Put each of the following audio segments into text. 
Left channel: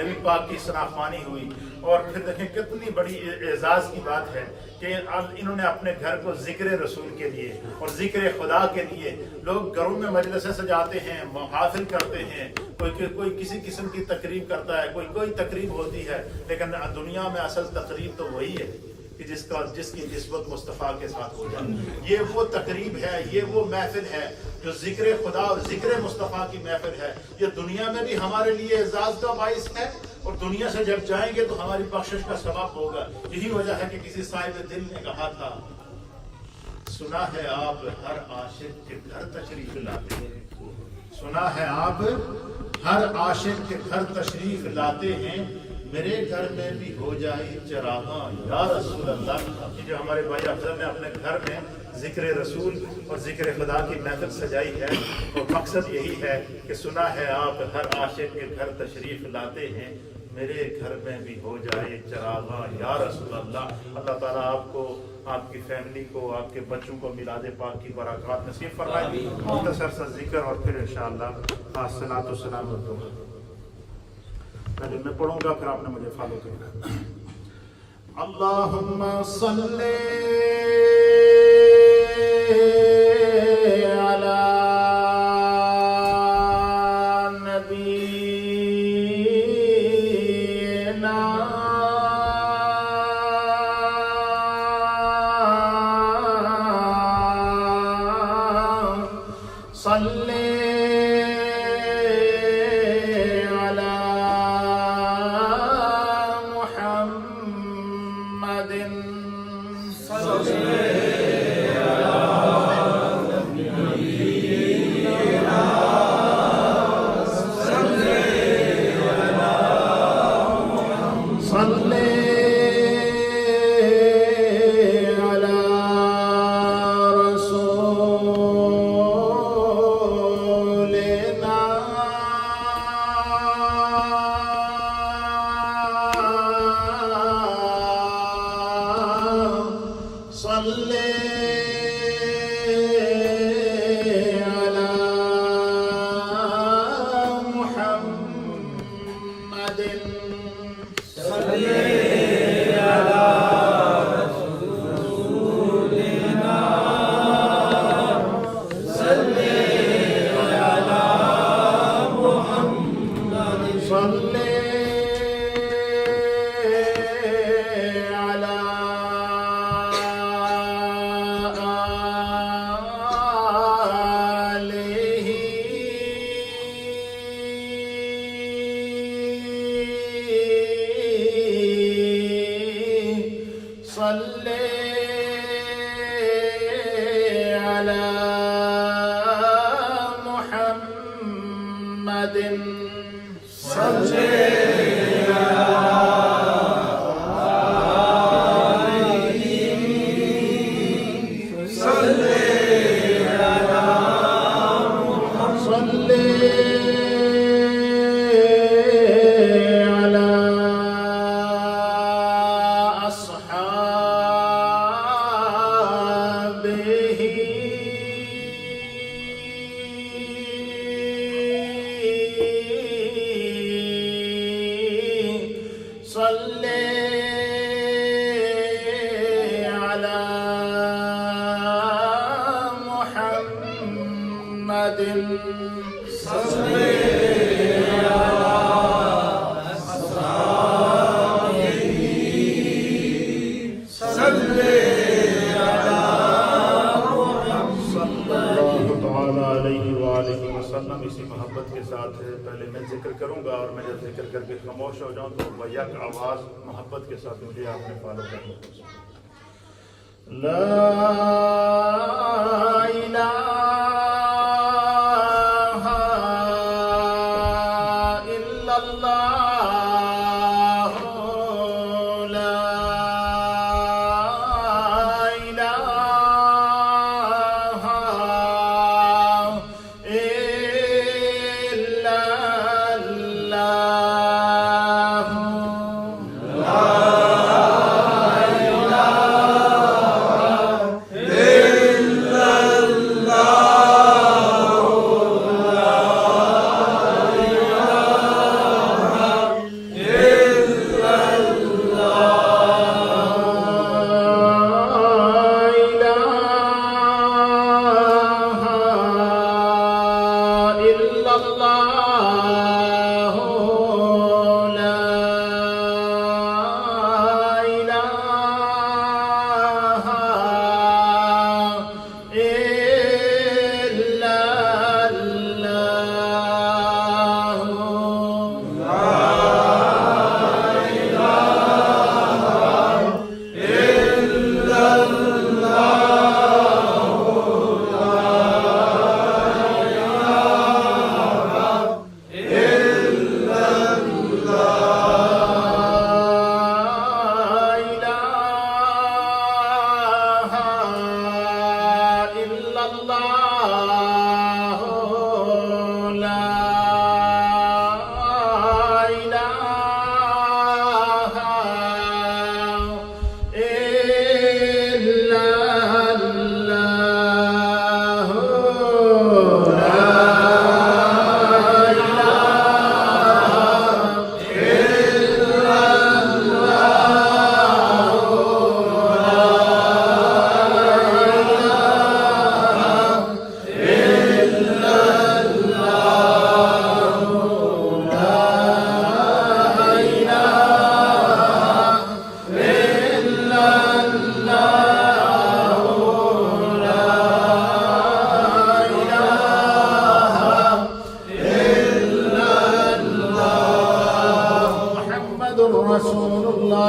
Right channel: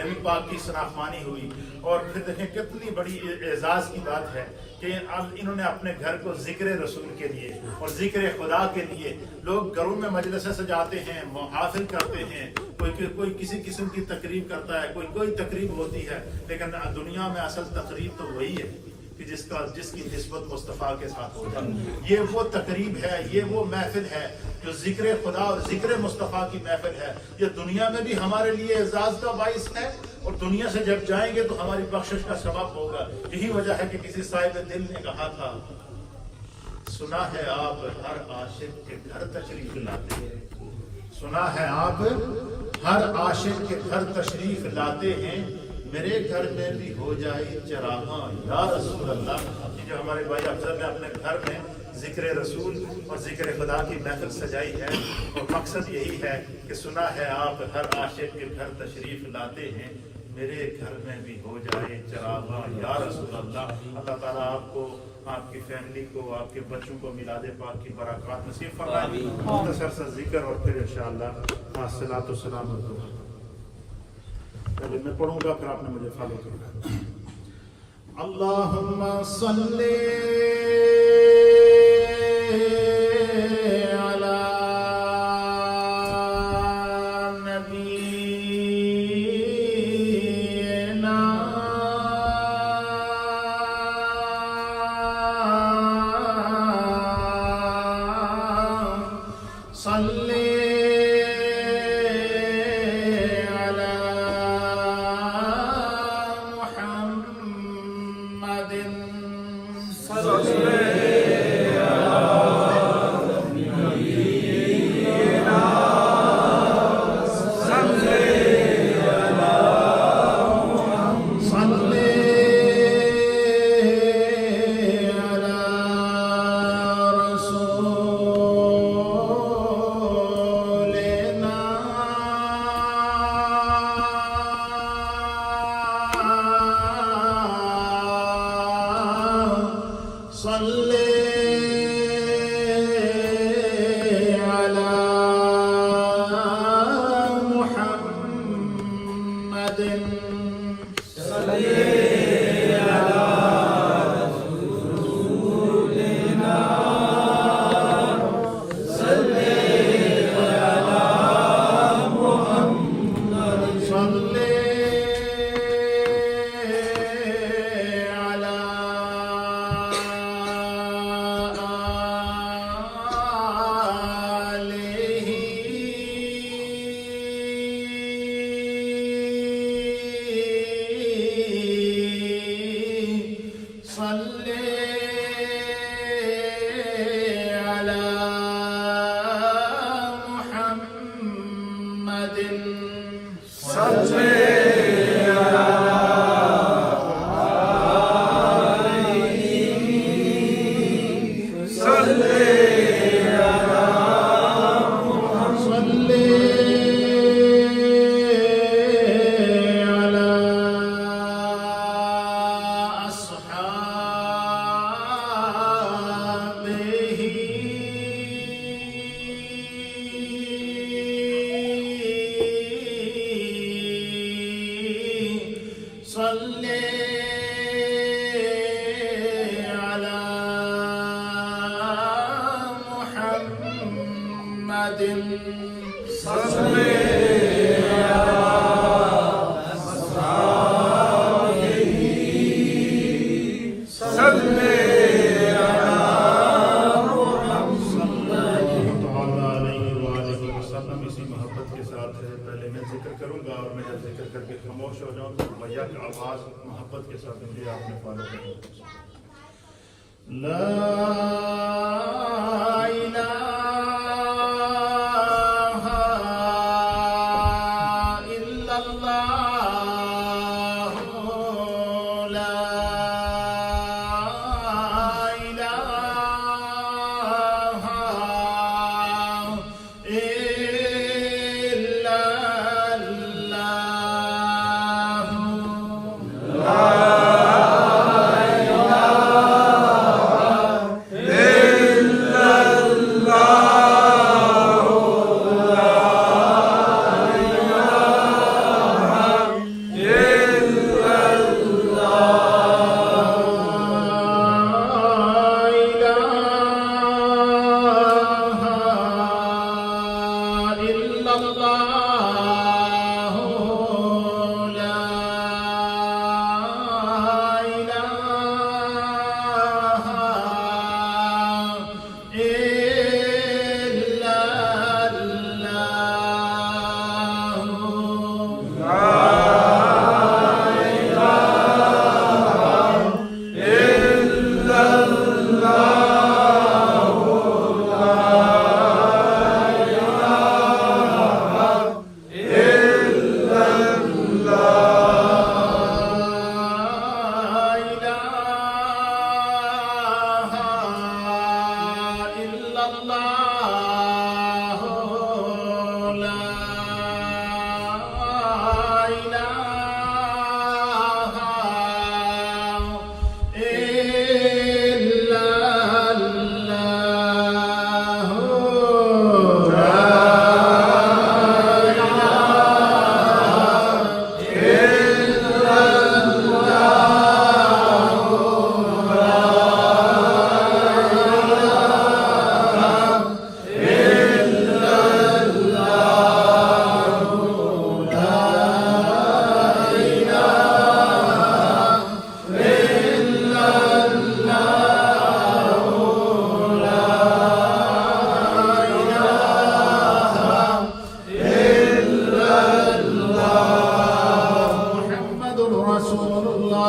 नबी पाक की शनाख्वानी हुई। और फिर देखें कितनी बड़ी एजाज की बात है कि इन्होंने अपने घर को जिक्र रसूल के लिए और जिक्र खुदा के लिए, लोग घरों में मजलिसें सजाते हैं, महफिल करते हैं, कोई किसी किस्म की तकरीब करता है, कोई तकरीब होती है, लेकिन दुनिया में असल तकरीब तो वही है कि जिसकी निस्बत मुस्तफ़ा के साथ हो जाए। ये वो तकरीब है, ये वो महफिल है जो जिक्र खुदा और जिक्र मुस्तफ़ा की महफिल है। ये दुनिया में भी हमारे लिए एजाज का बाइस है और दुनिया से जब जाएंगे तो हमारी बख्शिश का सबब होगा। यही वजह है कि किसी साहिब दिल ने कहा था, सुना है आप हर आशिक के घर तशरीफ लाते हैं, सुना है आप हर आशिक के घर तशरीफ लाते हैं, मेरे घर में भी हो जाए चरागा या रसूल अल्लाह। जो हमारे भाई अफजल ने अपने घर में जिक्र रसूल और जिक्र खुदा की महफिल सजाई है, और मकसद यही है कि सुना है आप हर आशिक के घर तशरीफ लाते हैं, मेरे घर में भी हो जाए चरागा या रसूल अल्लाह। अल्लाह ताला आपको, आपकी फैमिली को, आपके बच्चों को मिलाद पाक की बरकत नसीब फरमाए। मुख्तसर सा जिक्र और फिर इंशाअल्लाह सलात व सलाम हो। पहले मैं पढ़ूंगा, फिर आपने मुझे फॉलो करना। अल्लाहुम्मा सल्ली अला सल्ले अला मुहम्मदिन सल्ले अला नबीना सल्ले अला सल्ले इसी मोहब्बत के साथ पहले मैं जिक्र करूंगा और मैं जब जिक्र करके खामोश हो जाऊं तो भैया की आवाज़ मोहब्बत के साथ मुझे आपने फॉलो करना। ला इलाहा इल्लल्लाह ला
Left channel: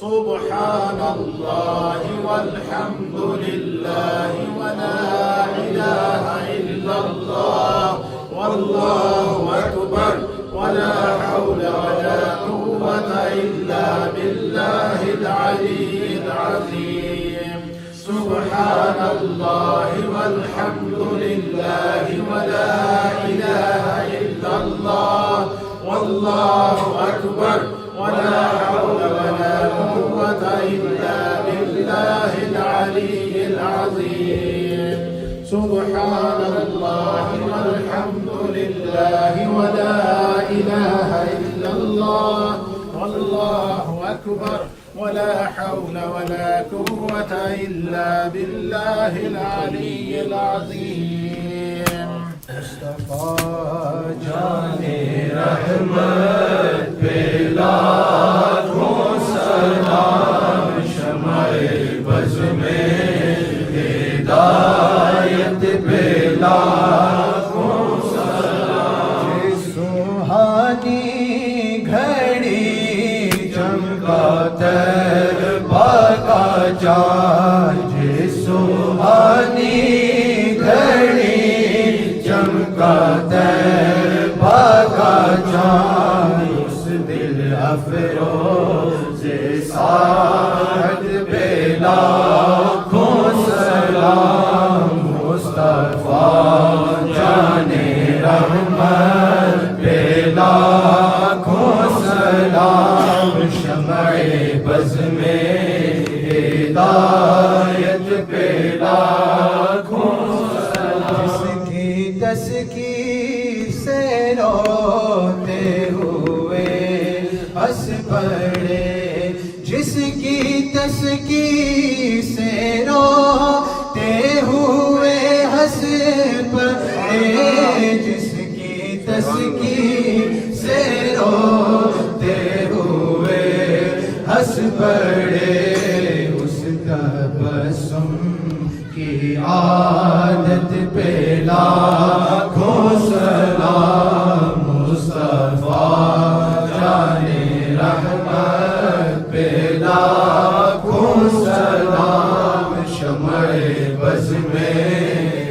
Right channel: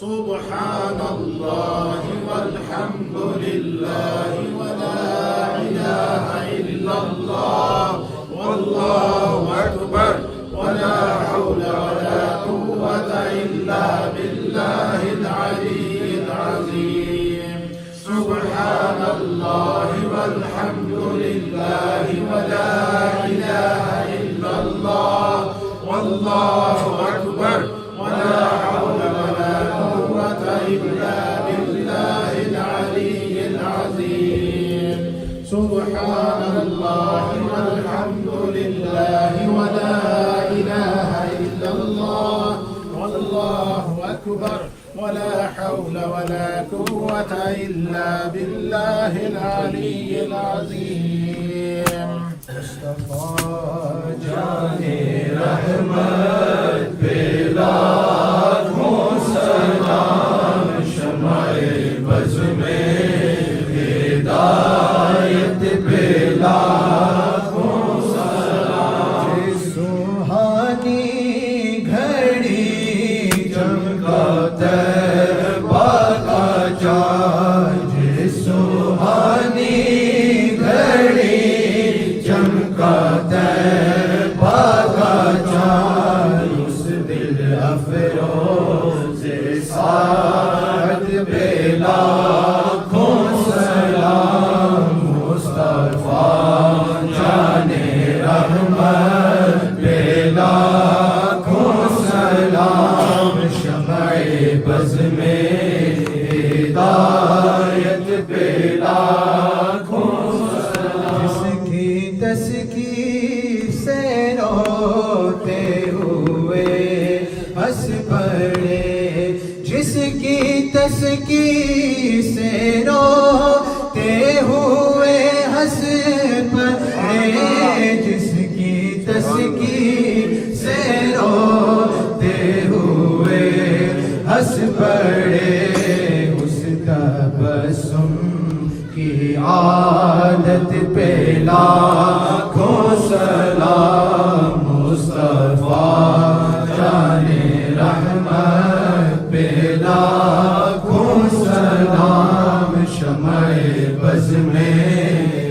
सुब्हानल्लाह वल्हम्दुलिल्लाह वला इलाहा इल्लल्लाह वल्लाहु अकबर वला हौला वला कुव्वता इल्ला बिल्लाहिल अलीय्यिल अज़ीम सुब्हानल्लाह वल्हम्दुलिल्लाह वला इलाहा इल्लल्लाह वल्लाहु अकबर वला हौला वला कुव्वता इल्ला बिल्लाहिल अलीय्यिल अज़ीम सुब्हानल्लाह वल्हम्दुलिल्लाह वला इलाहा इल्लल्लाह वल्लाहु अकबर वला हौला वला कुव्वता इल्ला बिल्लाहिल अलीय्यिल अज़ीम मुस्तफा जाने रहमत पे लाखों सलाम शमाए बज़ में हिदायत पे लाखों सलाम सुहानी घड़ी चमका तैबा का चाँद सुहानी घड़ी चमका तैबा का चाँद उस दिल अफरोज़ साअद पे लाखों सलाम मुस्तफा जाने रहमत पे लाखों सलाम शमाए बज़ में हिदायत पे लाखों सलाम जिसकी तस्की से रोते हुए हंस पड़े जिसकी तस्की से रोते हुए हंस पड़े जिसकी तस्की से रोते हुए हंस पड़े उस तबस्सुम की आदत पे लाखों सलाम मुस्तफा जाने रहमत पे लाखों सलाम शमाए बज़ में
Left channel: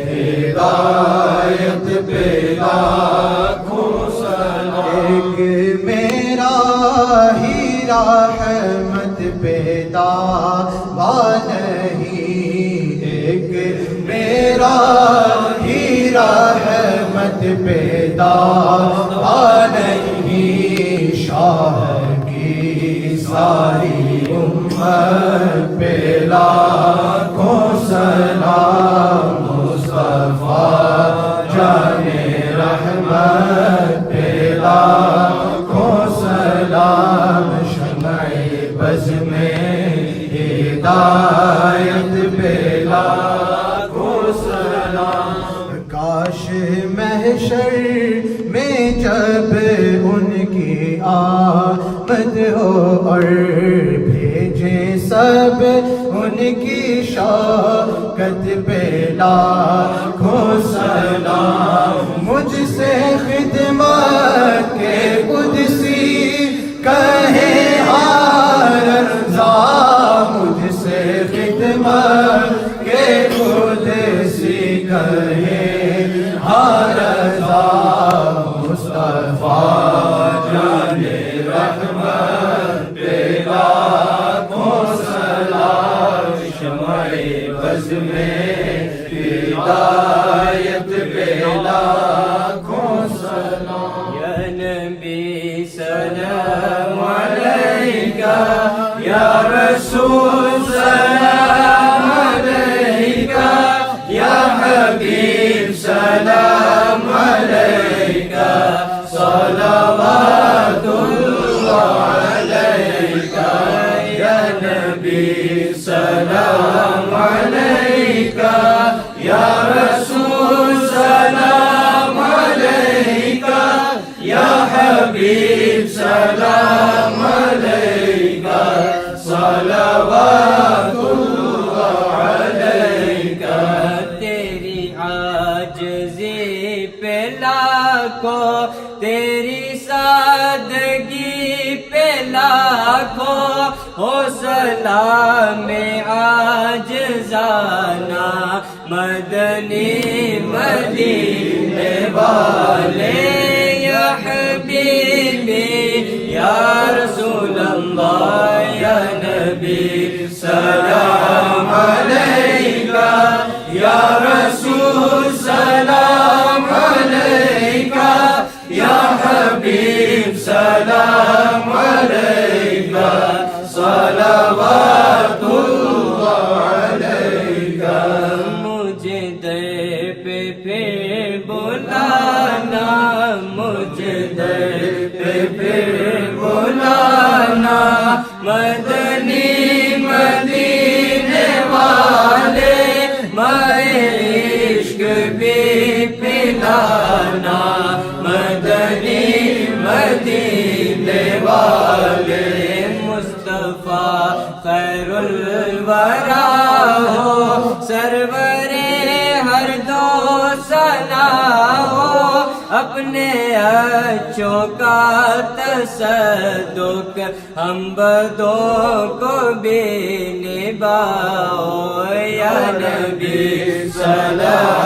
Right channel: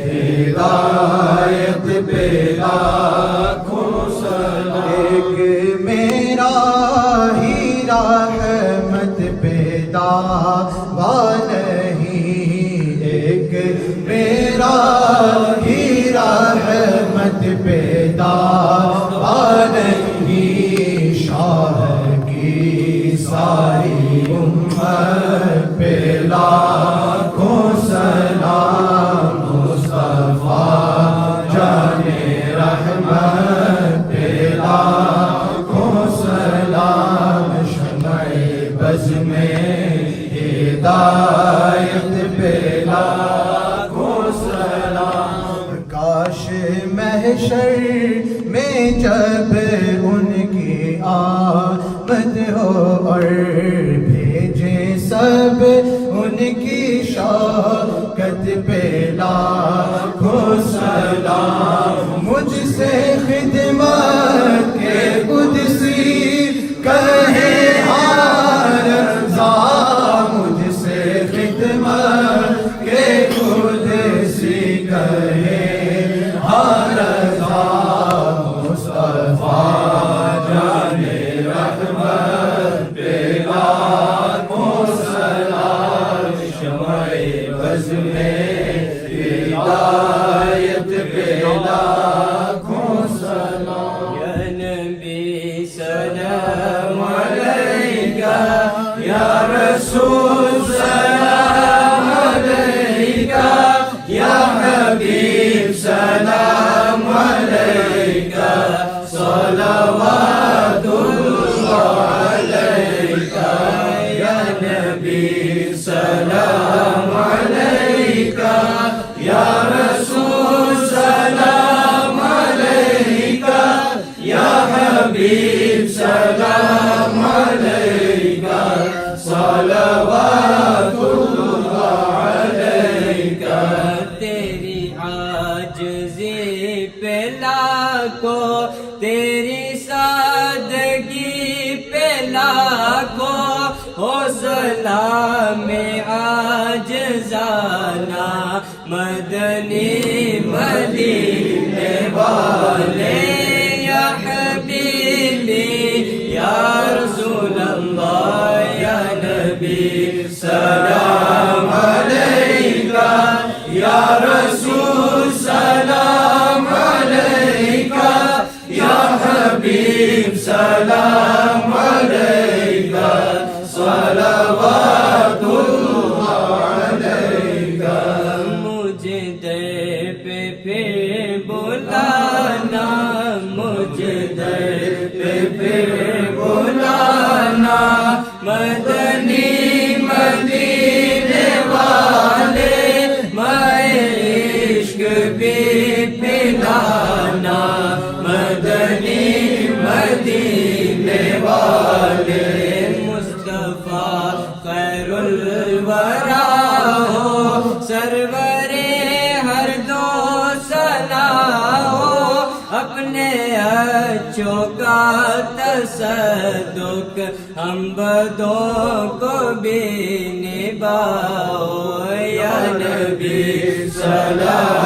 हिदायत पे लाखों सलाम एक मेरा ही रहमत पे दावा नहीं एक मेरा ही रहमत पे दावा नहीं शाह की सारी उम्मत पे लाखों सलाम मुस्तफा जाने रहमत पे लाखों सलाम शमाए बज़ में हिदायत पे लाखों सलाम काश महशर में जब उनकी आमद हो और भेजे सब उनकी शौकत पे लाखों सलाम मुझसे खिदमत कुदसी कहे हार रज़ा मुझसे खिदमत के कुदसी कहे हार रज़ा मुस्तफा जाने रहमत पे लाखों सलाम शमाए बज़ में हिदायत पे लाखों सलाम या नबी सलाम अलैका या रसूल सलाम अलैका या हबीब सलाम अलैका सलावतुल्लाह अलैका या नबी सलाम अलैका या रसूल सलाम अलैका, या हबीब सलाम अलैका, सलवातुल्लाह अलैका। तेरी आजिज़ी पे लाखों, तेरी सादगी पे लाखों, हो सलाम आजिज़ाना मदनी मदीने वाले। या हबीबी या रसूल अल्लाह, या नबी सलाम अलैका, या रसूल सलाम अलैका, या हबीब सलाम अलैका, सलवातुल्लाह अलैका। मुझे दर पे बुलाना, मुझे दर पे बुलाना, मदनी मदीने वाले, मैं इश्क भी पिलाना, मदनी मदीने वाले। मुस्तफा खैरुल वरा हो, सरवरे हर दो सलाह हो, अपने अच्छों का तसद्दुक हम बदों को भी निभाओ। या नबी सलाम